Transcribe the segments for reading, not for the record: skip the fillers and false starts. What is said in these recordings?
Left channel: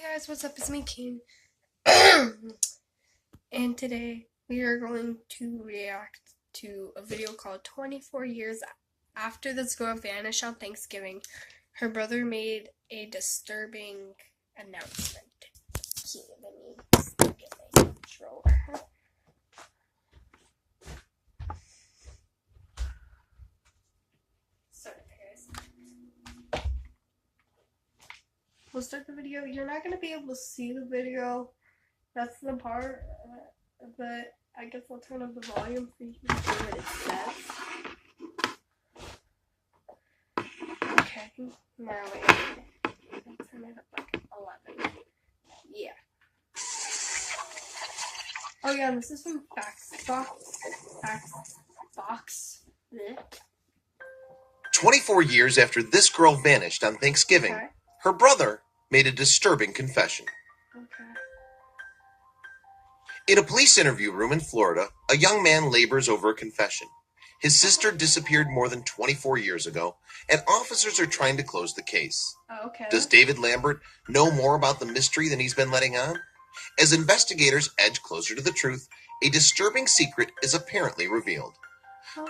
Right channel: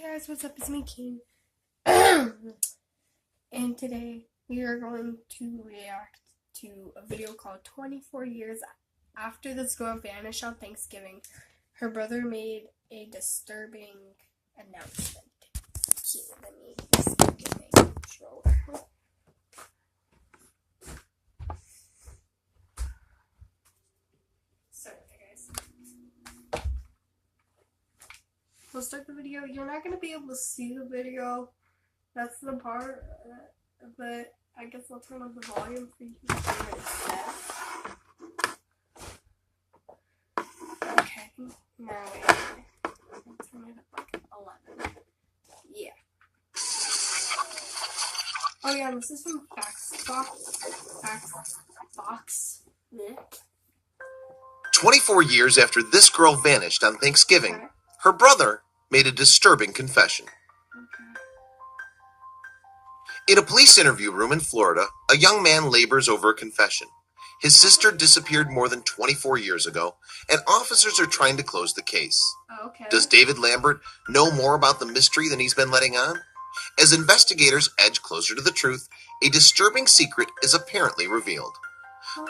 Hey guys, what's up? It's me, King. And today we are going to react to a video called 24 Years After This Girl Vanished on Thanksgiving. Her brother made a disturbing announcement. Here, let me get my controller. Sorry, guys. We'll start the video. You're not going to be able to see the video. That's the part, but I guess I'll turn up the volume for you to hear what it says. Okay, now wait. I'll turn it up like 11. Yeah. Oh yeah, this is from Fox. Blech. 24 years after this girl vanished on Thanksgiving, Okay. her brother made a disturbing confession. Okay. In a police interview room in Florida, a young man labors over a confession. His sister disappeared more than 24 years ago, and officers are trying to close the case. Okay. Does David Lambert know more about the mystery than he's been letting on? As investigators edge closer to the truth, a disturbing secret is apparently revealed.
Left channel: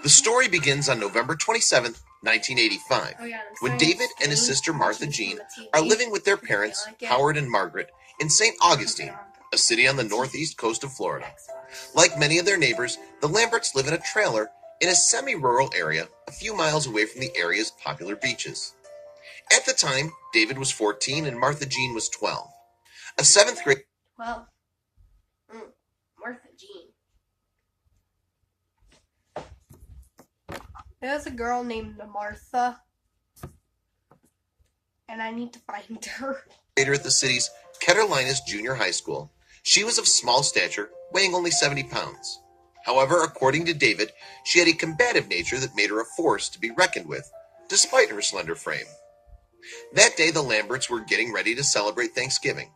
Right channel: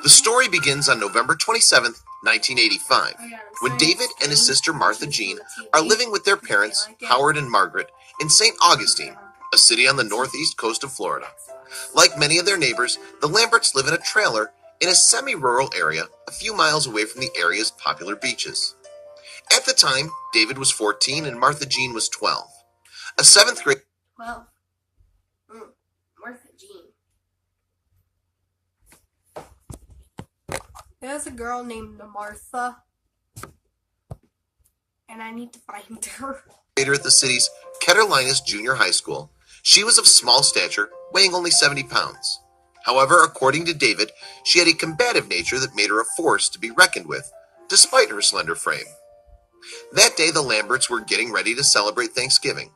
The story begins on November 27th, 1985, when David and his sister Martha Jean are living with their parents, Howard and Margaret, in St. Augustine, a city on the northeast coast of Florida. Like many of their neighbors, the Lamberts live in a trailer in a semi-rural area a few miles away from the area's popular beaches. At the time, David was 14 and Martha Jean was 12. A seventh grade... 12. Martha Jean. There's a girl named Martha, and I need to find her. Later at the city's Catalinas Junior High School, she was of small stature, weighing only 70 pounds. However, according to David, she had a combative nature that made her a force to be reckoned with, despite her slender frame. That day, the Lamberts were getting ready to celebrate Thanksgiving.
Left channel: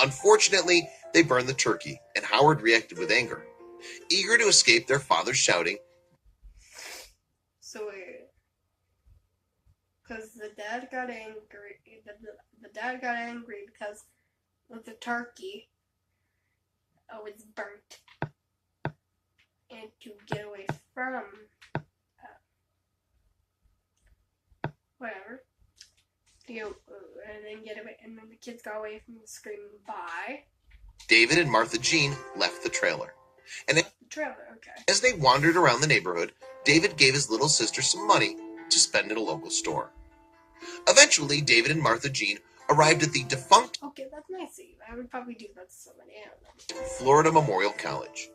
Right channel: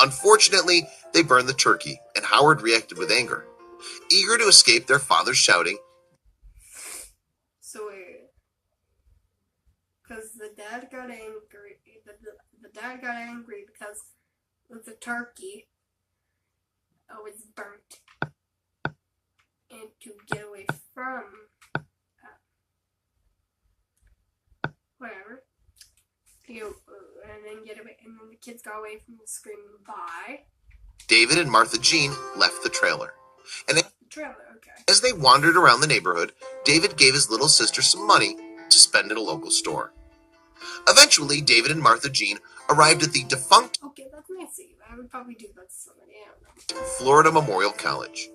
Unfortunately, they burned the turkey, and Howard reacted with anger. Eager to escape their father's shouting, So weird. Because the dad got angry. The dad got angry because the turkey was burnt. And to get away from whatever. And then the kids got away from the screaming bye. David and Martha Jean left the trailer. And Okay. as they wandered around the neighborhood, David gave his little sister some money to spend at a local store. Eventually, David and Martha Jean arrived at the defunct Okay, that's nice of you. I would probably do that to somebody. I don't know. Florida Memorial College.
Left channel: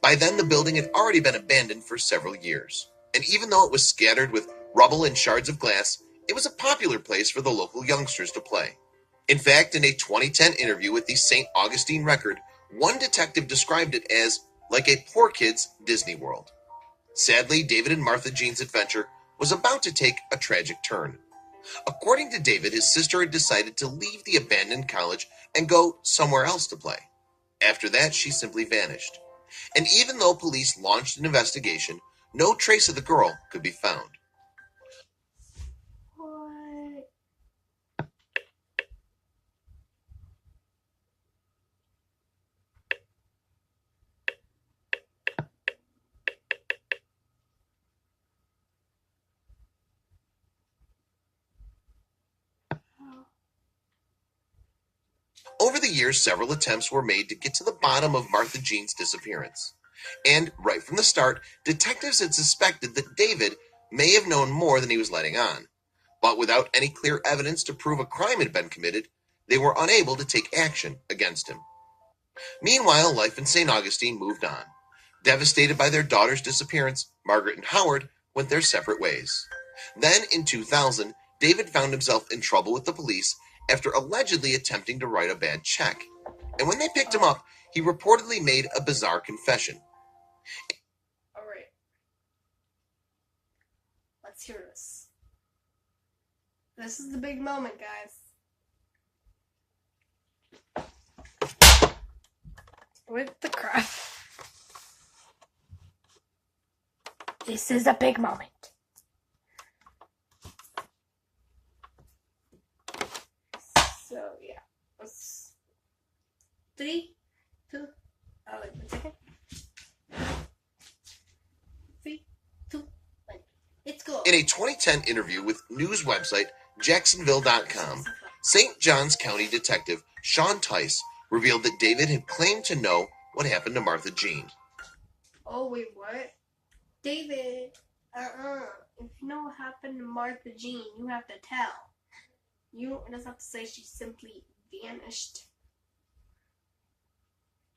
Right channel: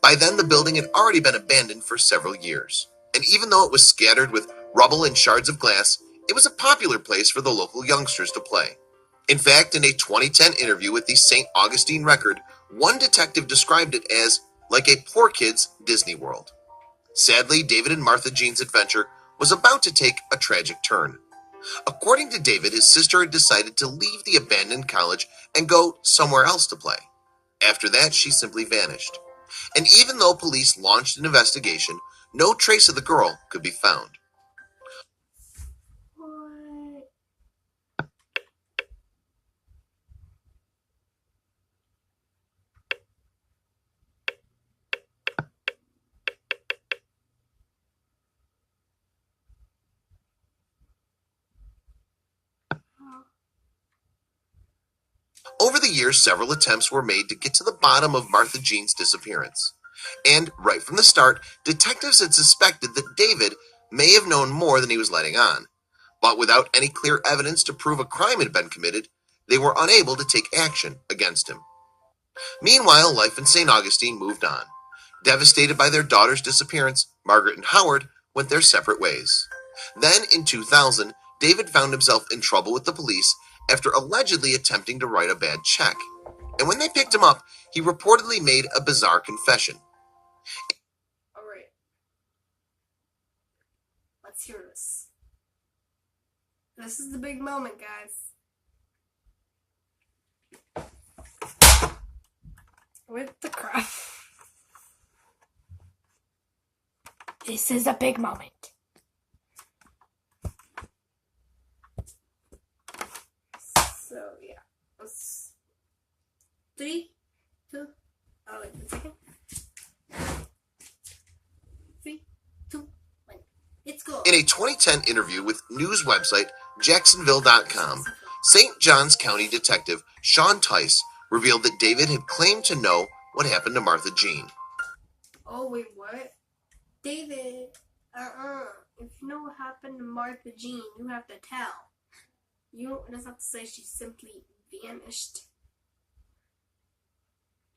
By then, the building had already been abandoned for several years. And even though it was scattered with rubble and shards of glass, it was a popular place for the local youngsters to play. In fact, in a 2010 interview with the St. Augustine Record, one detective described it as like a poor kid's Disney World. Sadly, David and Martha Jean's adventure was about to take a tragic turn. According to David, his sister had decided to leave the abandoned college and go somewhere else to play. After that, she simply vanished. And even though police launched an investigation, no trace of the girl could be found. What? Over the years, several attempts were made to get to the bottom of Martha Jean's disappearance. And right from the start, detectives had suspected that David may have known more than he was letting on. But without any clear evidence to prove a crime had been committed, they were unable to take action against him. Meanwhile, life in St. Augustine moved on. Devastated by their daughter's disappearance, Margaret and Howard went their separate ways. Then, in 2000, David found himself in trouble with the police after allegedly attempting to write a bad check. And when they picked him up, he reportedly made a bizarre confession. Alright. Let's hear this. This is the big moment, guys. With the crap. This is a big moment. So, yeah. Let's 3, 2, wait 1 second. 3, 2, 1. It's go. In a 2010 interview with news website Jacksonville.com, St. Johns County Detective Sean Tice revealed that David had claimed to know what happened to Martha Jean. Oh, wait, what? David, if you know what happened to Martha Jean, you have to tell. You don't just have to say she simply vanished.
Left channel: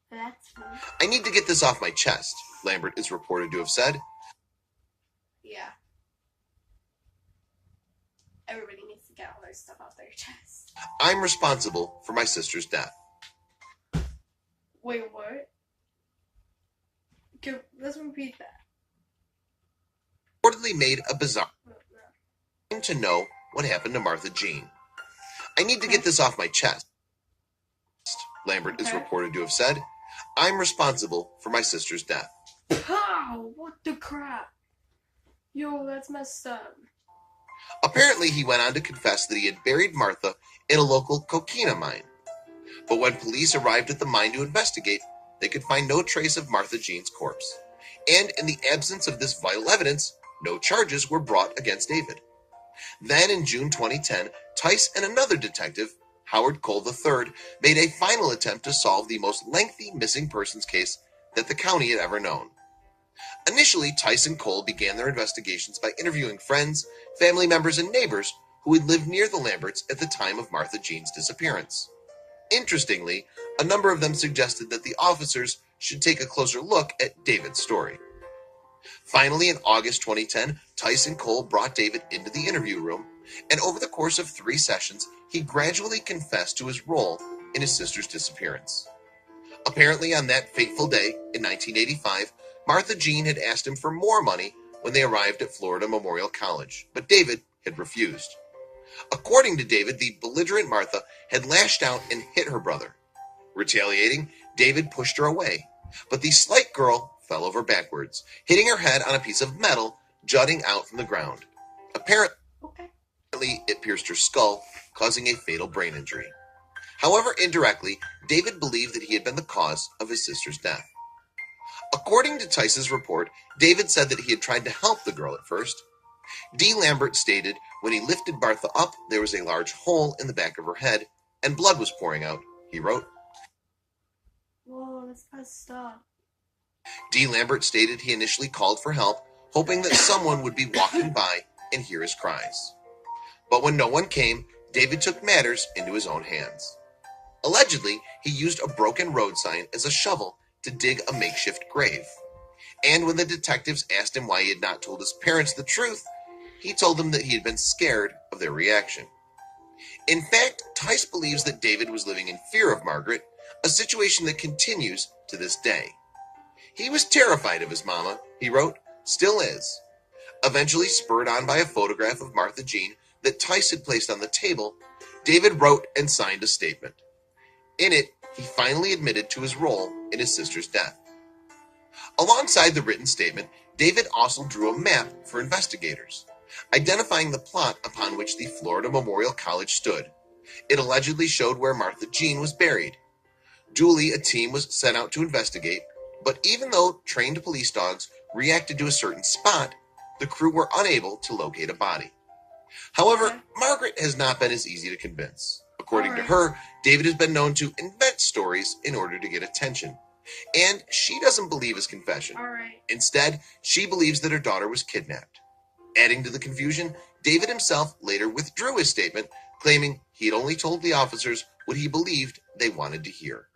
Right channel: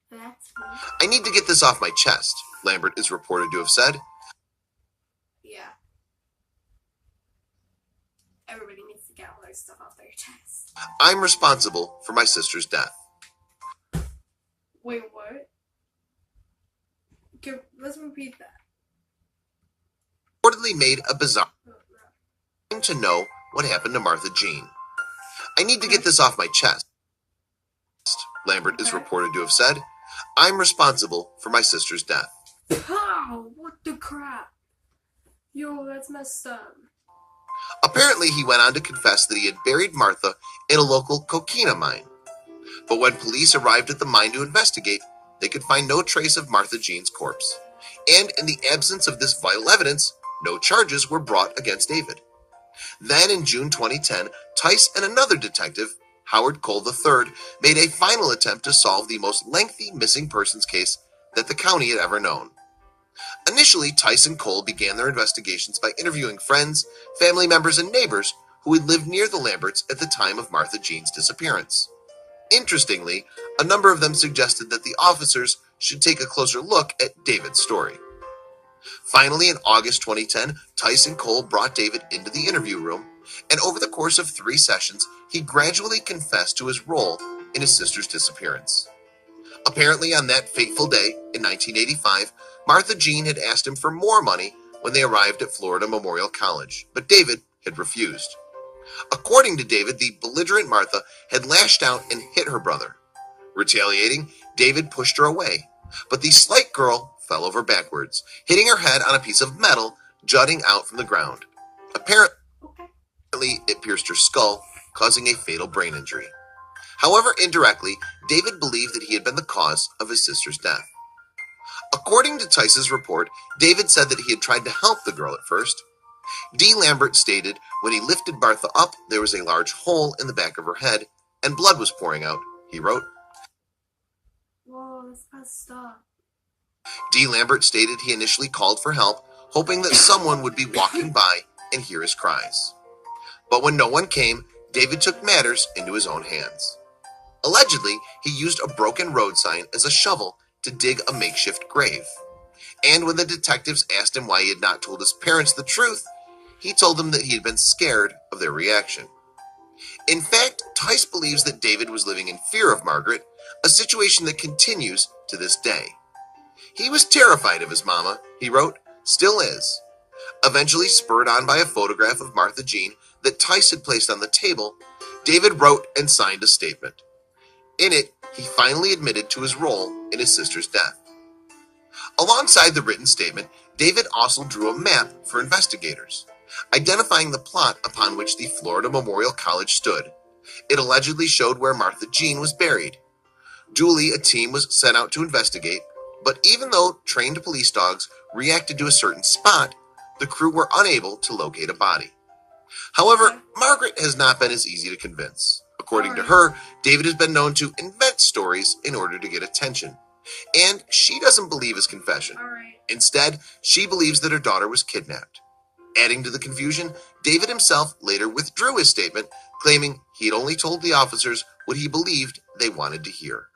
That's weird. I need to get this off my chest, Lambert is reported to have said. Yeah. Everybody needs to get all their stuff off their chest. I'm responsible for my sister's death. Wait, what? Okay, let's repeat that. Reportedly made a bizarre No. claim to know what happened to Martha Jean. I need to get this off my chest, Lambert is reported to have said. I'm responsible for my sister's death. Pow! What the crap? Yo, that's messed up. Apparently, he went on to confess that he had buried Martha in a local coquina mine. But when police arrived at the mine to investigate, they could find no trace of Martha Jean's corpse. And in the absence of this vital evidence, no charges were brought against David. Then in June 2010, Tice and another detective, Howard Cole III, made a final attempt to solve the most lengthy missing persons case that the county had ever known. Initially, Tice and Cole began their investigations by interviewing friends, family members, and neighbors who had lived near the Lamberts at the time of Martha Jean's disappearance. Interestingly, a number of them suggested that the officers should take a closer look at David's story. Finally, in August 2010, Tice and Cole brought David into the interview room, and over the course of 3 sessions, he gradually confessed to his role in his sister's disappearance. Apparently, on that fateful day in 1985, Martha Jean had asked him for more money when they arrived at Florida Memorial College, but David had refused. According to David, the belligerent Martha had lashed out and hit her brother. Retaliating, David pushed her away, but the slight girl fell over backwards, hitting her head on a piece of metal jutting out from the ground. Apparently, it pierced her skull, causing a fatal brain injury. However, indirectly, David believed that he had been the cause of his sister's death. According to Tice's report, David said that he had tried to help the girl at first. D. Lambert stated when he lifted Martha up, there was a large hole in the back of her head, and blood was pouring out, he wrote. Whoa, that's messed up. D. Lambert stated he initially called for help, hoping that someone would be walking by and hear his cries. But when no one came, David took matters into his own hands. Allegedly, he used a broken road sign as a shovel to dig a makeshift grave. And when the detectives asked him why he had not told his parents the truth, he told them that he had been scared of their reaction. In fact, Tice believes that David was living in fear of Margaret, a situation that continues to this day. He was terrified of his mama, he wrote, still is. Eventually, spurred on by a photograph of Martha Jean that Tice had placed on the table, David wrote and signed a statement. In it, he finally admitted to his role in his sister's death. Alongside the written statement, David also drew a map for investigators, identifying the plot upon which the Florida Memorial College stood. It allegedly showed where Martha Jean was buried. Duly, a team was sent out to investigate, but even though trained police dogs reacted to a certain spot, the crew were unable to locate a body. However, Margaret has not been as easy to convince. According to her, David has been known to invent stories in order to get attention. And she doesn't believe his confession. Instead, she believes that her daughter was kidnapped. Adding to the confusion, David himself later withdrew his statement, claiming he had only told the officers what he believed they wanted to hear.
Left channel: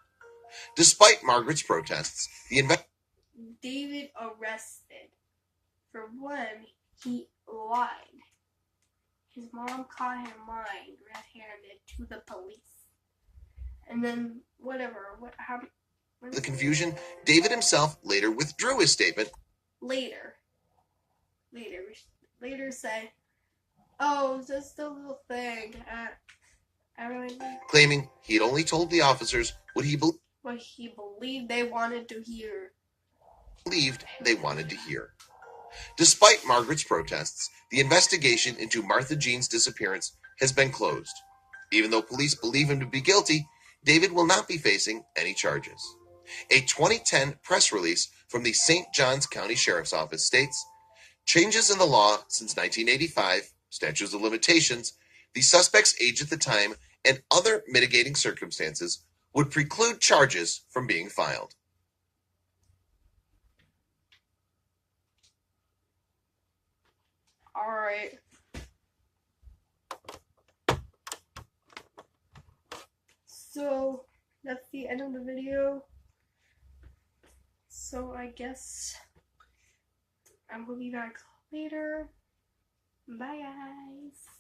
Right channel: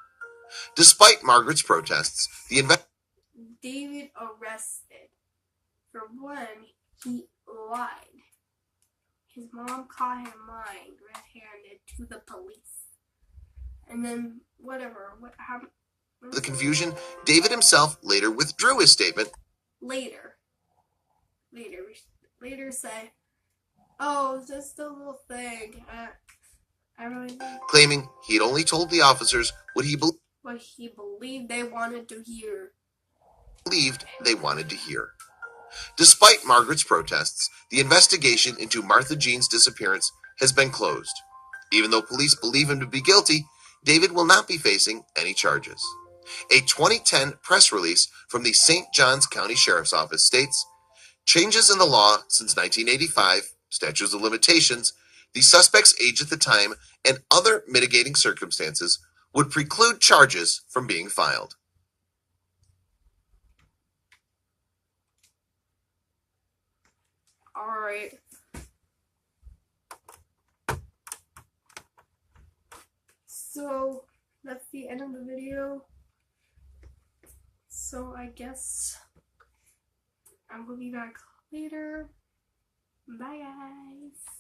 Despite Margaret's protests, David arrested. For one, he lied. His mom caught him lying red-handed to the police. And then, what happened? The confusion, David himself later withdrew his statement. Later say, oh, it's just a little thing. I really Claiming he had only told the officers what he believed they wanted to hear. Despite Margaret's protests, the investigation into Martha Jean's disappearance has been closed. Even though police believe him to be guilty, David will not be facing any charges. A 2010 press release from the St. Johns County Sheriff's Office states, changes in the law since 1985, statutes of limitations, the suspect's age at the time, and other mitigating circumstances would preclude charges from being filed. Alright. So, that's the end of the video. So, I guess I will be back later. Bye, guys.